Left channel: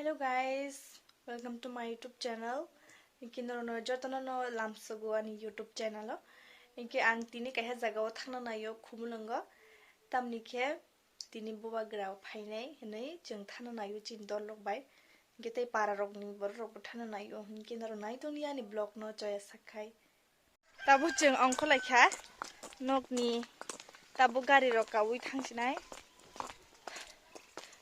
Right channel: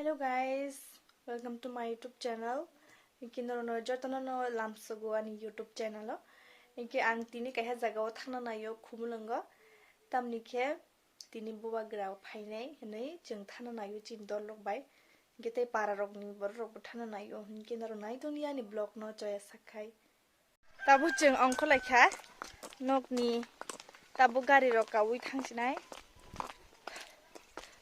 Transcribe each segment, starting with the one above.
Hello guys, welcome to my YouTube channel. Inki no jotana no lamsago ani YouTube channel. Inki ang tini kaya jaga o thangna nayo khumulungo. Tamni ke tini buba grau phainai hinai jeng thana nayo chin dol lok bai. Inki tai para rok ni bor rok thana nayo. Inki naro nai dunia ni blog no joya sakai. Tabu jeng ongko laikha nok ni tabu gari rok kawi thangsinai.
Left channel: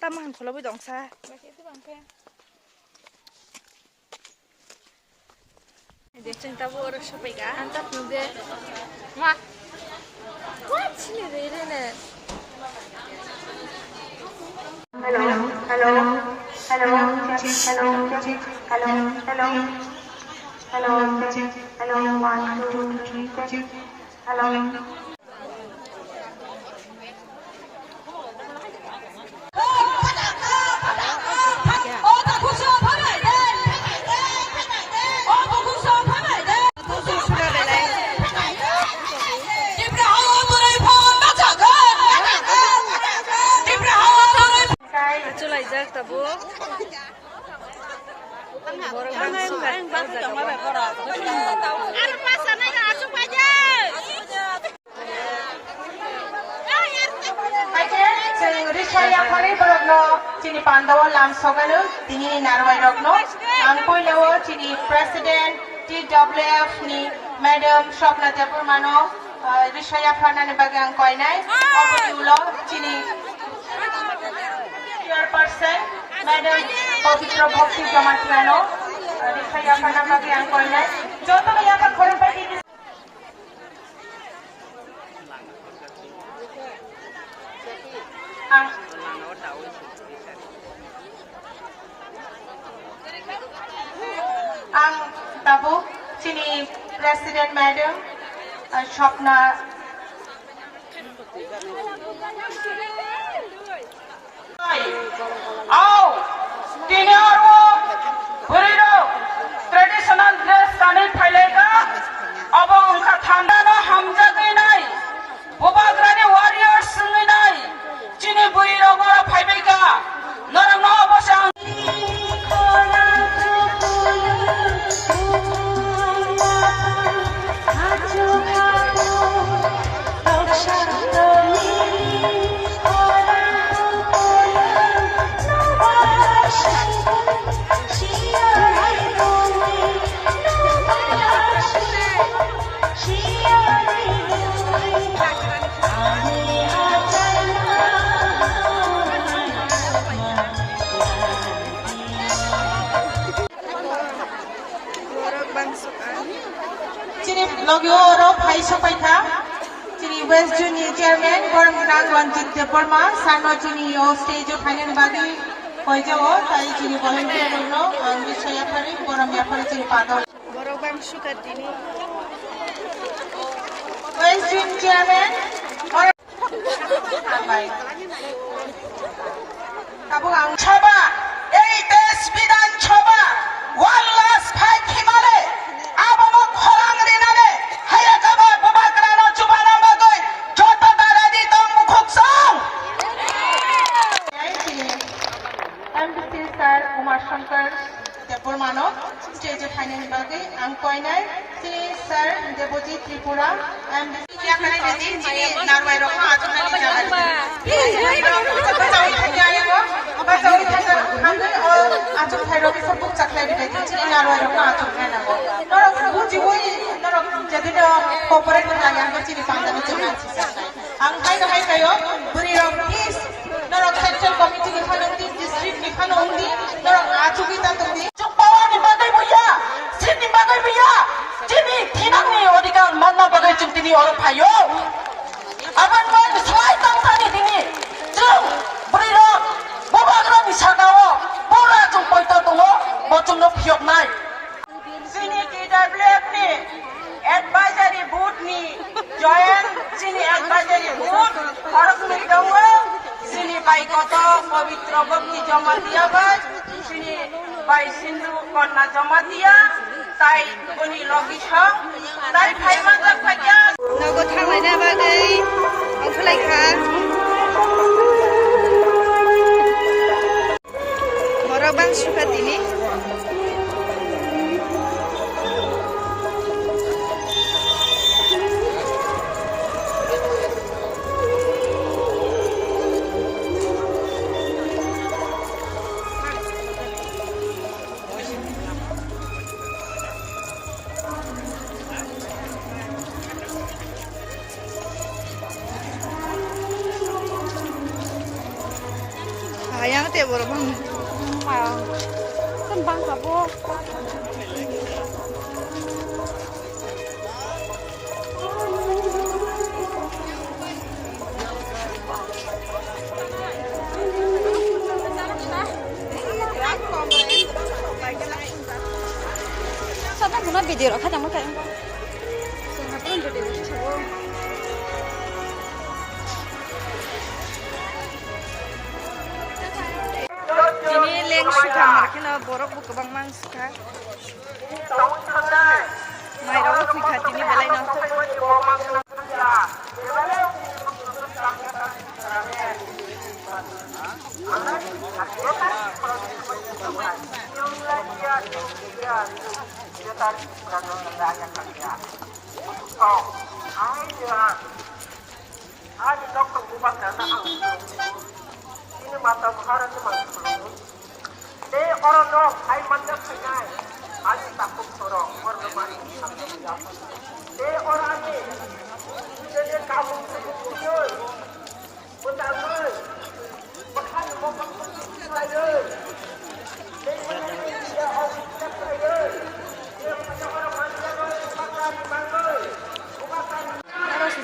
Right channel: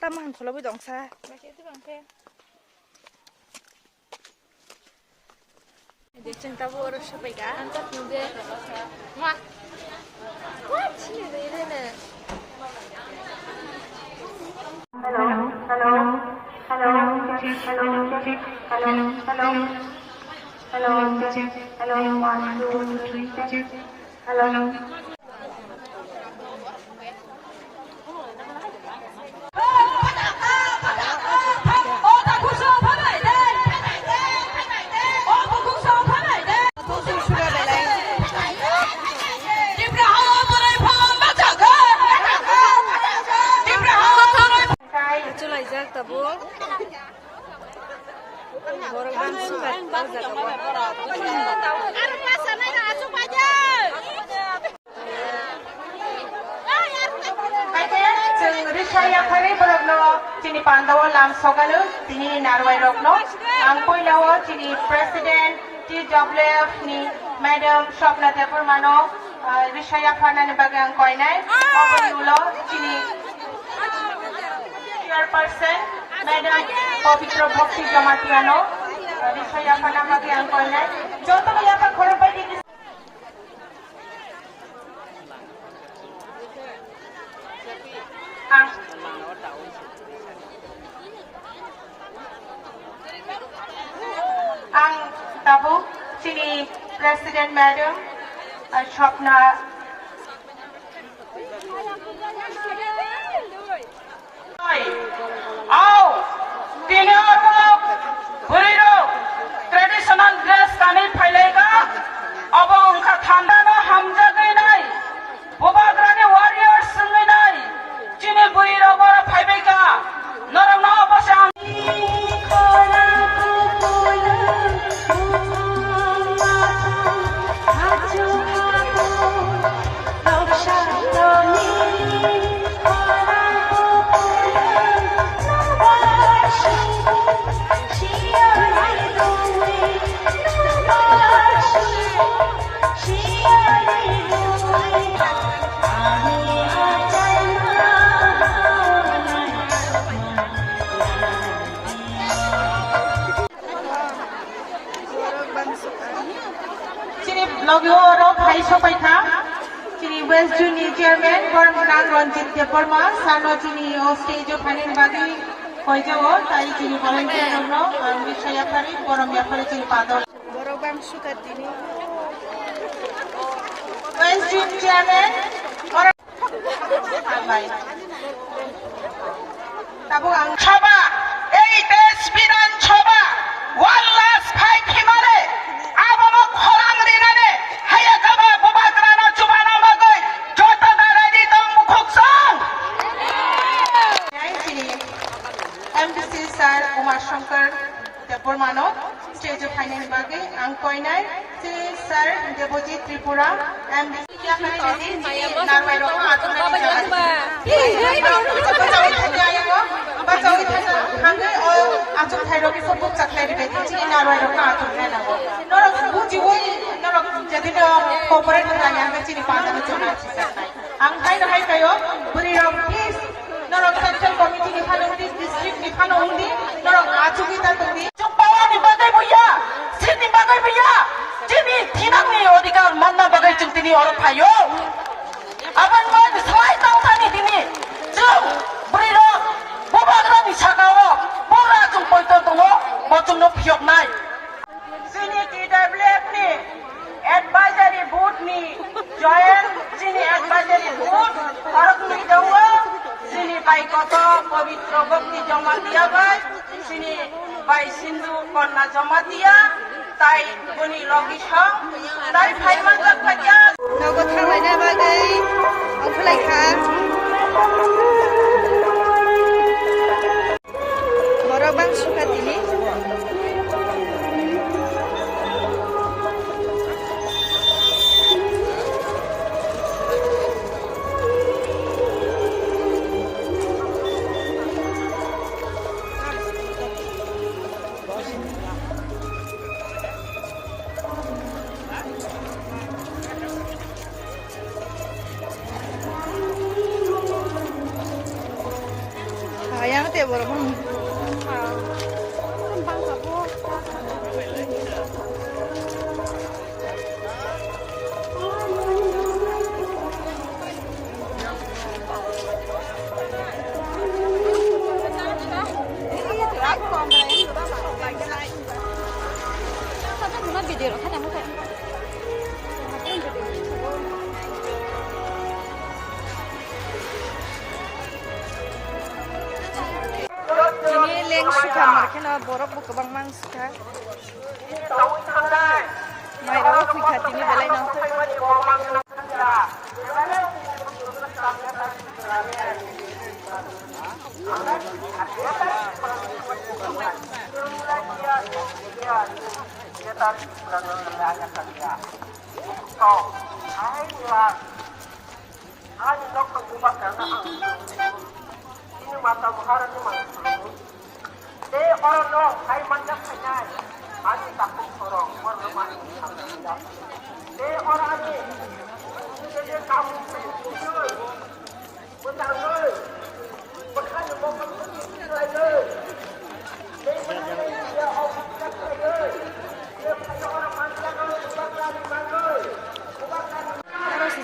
Tamang kholo bi dongsa bache tu bangke de sing tabu oro sopai ga antap nude ha chi re re ne hello hello hello check hello check hello hello hello check hello 1 2 3 check hello Chulai jak tabu borok bang sukat tau jaga bo Rishaya Khare Borokno Chini Pandawa Lam Sogalu Tini Narwai Lokno Angkoi Nawa Chini President TWF ni Madam Shopna Tepurmano Rishaya Khana ni bagang koinai Opani ulo Chini Chairperson Madam Pavitra Bhakti Jamatrano Rishaya Khana bagang koinai Jotana yada khorapati ang tabu Chini President Madam Shopna tini orko buriro traditional dress kanai phailega abo angka thamdana hamjagai nai bobagrani warriors sungai nai chini buiro gora phaibega narang no basang Logoro Paiso Paika, Chini West Junior Chairman, Gormang Lanjit Deporma, Sano Junior Stage of Hanan Badi, Kojo, Tai Chini Volunteer no, and Vishaya Pari, Borom Yapari Chini Pado. borok bang sukat tini West Junior Chairman, Borom Tabuang Chaba, 8 days Bidan Chaba, 1 last 5 Himale, Ababa Holang Rinane, Hayakaba, Bubakrana Chubana Bagoy, Jota Daradi Tong Mukoksong. MDC Sir Umar Shankar Depormano, Stage of Hanan Bagi, Angkoinai, Sir Deboti Tripura, MDC Yakanadi, Narwero, Atom Hiroki Support Saklai, Narwero, Nato, Nora Fuji, Nora Jadino, Corporate Layanga Chini Panda, Angkai Haikayo, Burio Peace, Nora Central Committee, Nifanoti, District Nifanoti, Nora Achubita, Chupawani Bagabuya, Sydney Bagabuya, Jimmy, Tinami, Odiga, Mama Bagay or Payo. Aban man, Swai Tangani Dini, Drum, Burio, Bobagrani Sagawa, Bora to Poitomo, Botuno Piok Night. Sunity Developni, Advisory Boot me, Joanne, Sini Advisory Boot, Horasmi Dawa, Sini Baikoto, Pavitra Bhakti Jamatia, Sini Bai Sindhu Korna Jamatia, Tai Kuni Logisha, Tai Paimanga Paya. nago thanglai na bagai ongko laikha borok bang suka tini. Sayang teh borok bang. Video kan yang mana? Ini leng suka mereka na borok buka bang mang suka. Mai rawa kui khati ni belai na.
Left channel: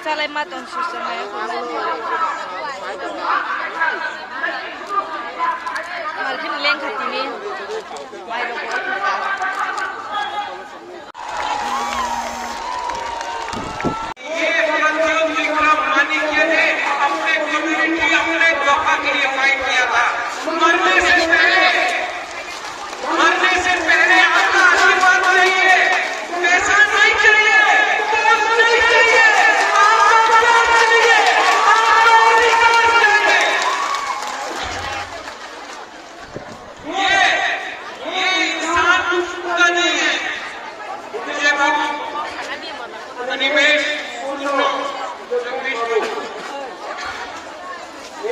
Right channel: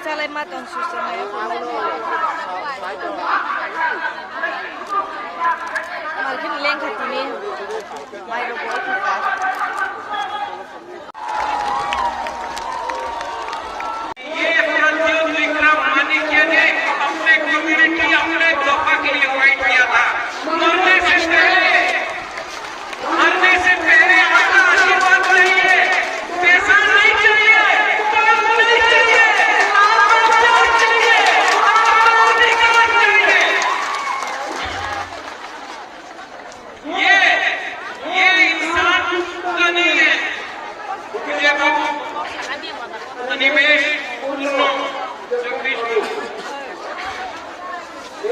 Salai matong susah na yan. Malkin leng katini. May logo ako ka. ये आंदोलन विक्रम मानिक्य ने अपने community अपने दफा के लिए fight किया था। मरने से पहले अपना आशीर्वाद चाहिए, पैसा नहीं चाहिए, काम नहीं चाहिए, ये इंसान का नहीं है। मुझे अनिमेश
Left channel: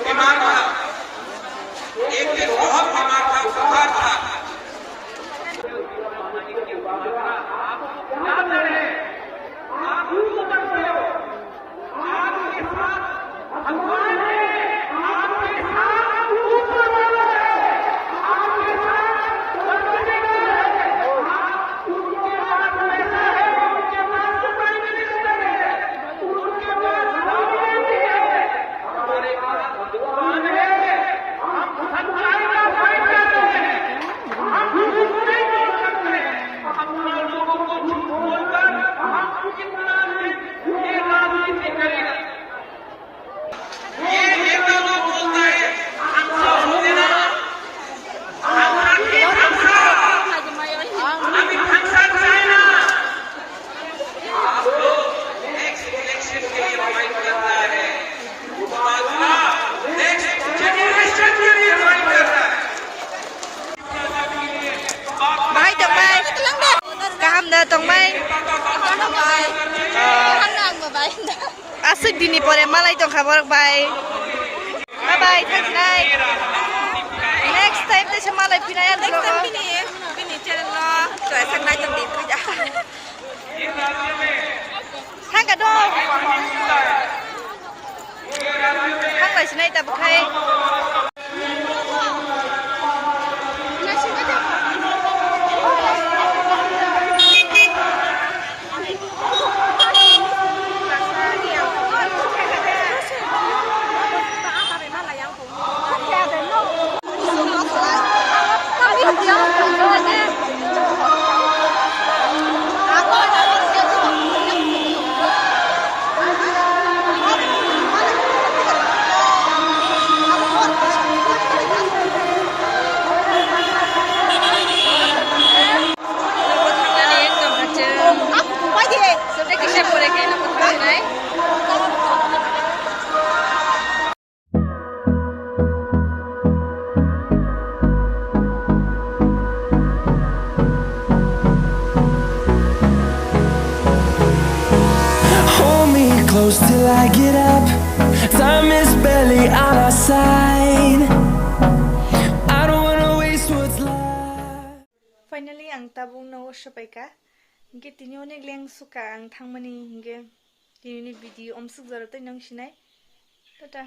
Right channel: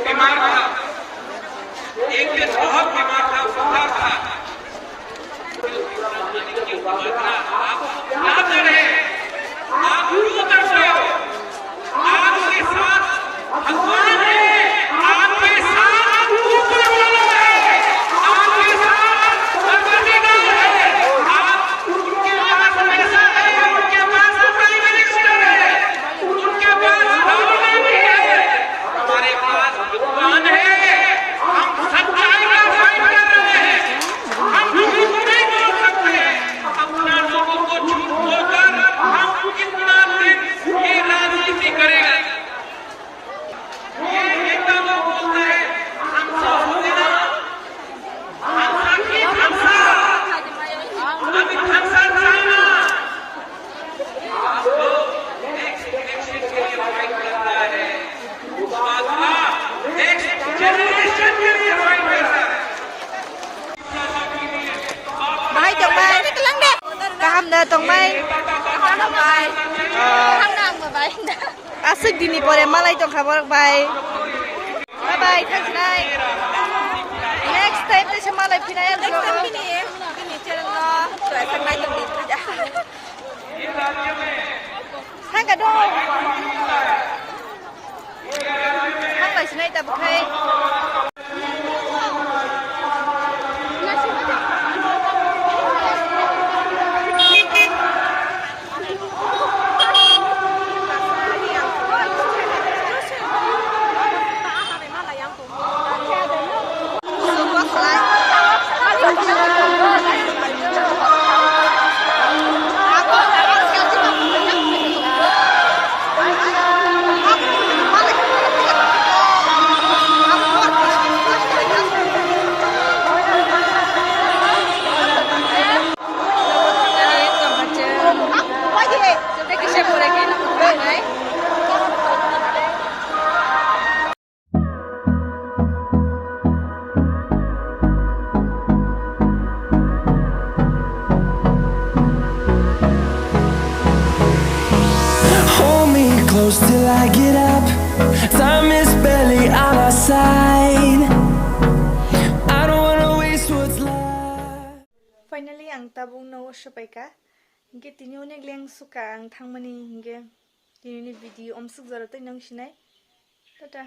बीमार था, एक दिन बहुत बीमार था, बुखार था। क्या करें? आप क्यों डरते हो? आपके साथ भगवान है, आपके साथ ऊपर वाला है, आपके साथ परवरदिगार है। आप उनके पास पैसा है, उनके पास प्राइम मिनिस्टर है, उनके पास दौलत भी है, हमारे पास भगवान है। हम सच्चाई का फाइट कर रहे हैं, हम झूठ नहीं बोल सकते। अपना लोगों को झूठ बोलकर हम कितना दिन ये राजनीति करेंगे? ये तो लोग बोलते हैं हमसे होते ना, हमसे भी फंसा, अभी फंसा चाइना। आप लोग नेक्स्ट इलेक्शन के लिए फाइट कर रहा है, नेक्स्ट जनरेशन के लिए फाइट कर रहा है। Bay tong bay. Kaham dah tong bay. Asik dini pore malai tong khabar bay. Bye bye, thank you. Next time te malai pinayan. Next time pini channel lo. Tuh asik bay tong di kerja. Hang ka dong. Hang lai sinai ta bukai. close till I get up. Time is barely on our side. I don't wanna waste what's left. Finally ang tabung no shapaika. Hingke tini onek leng suka ang thangmani hingke tini video omsuk jaratai nang sinai. Tata.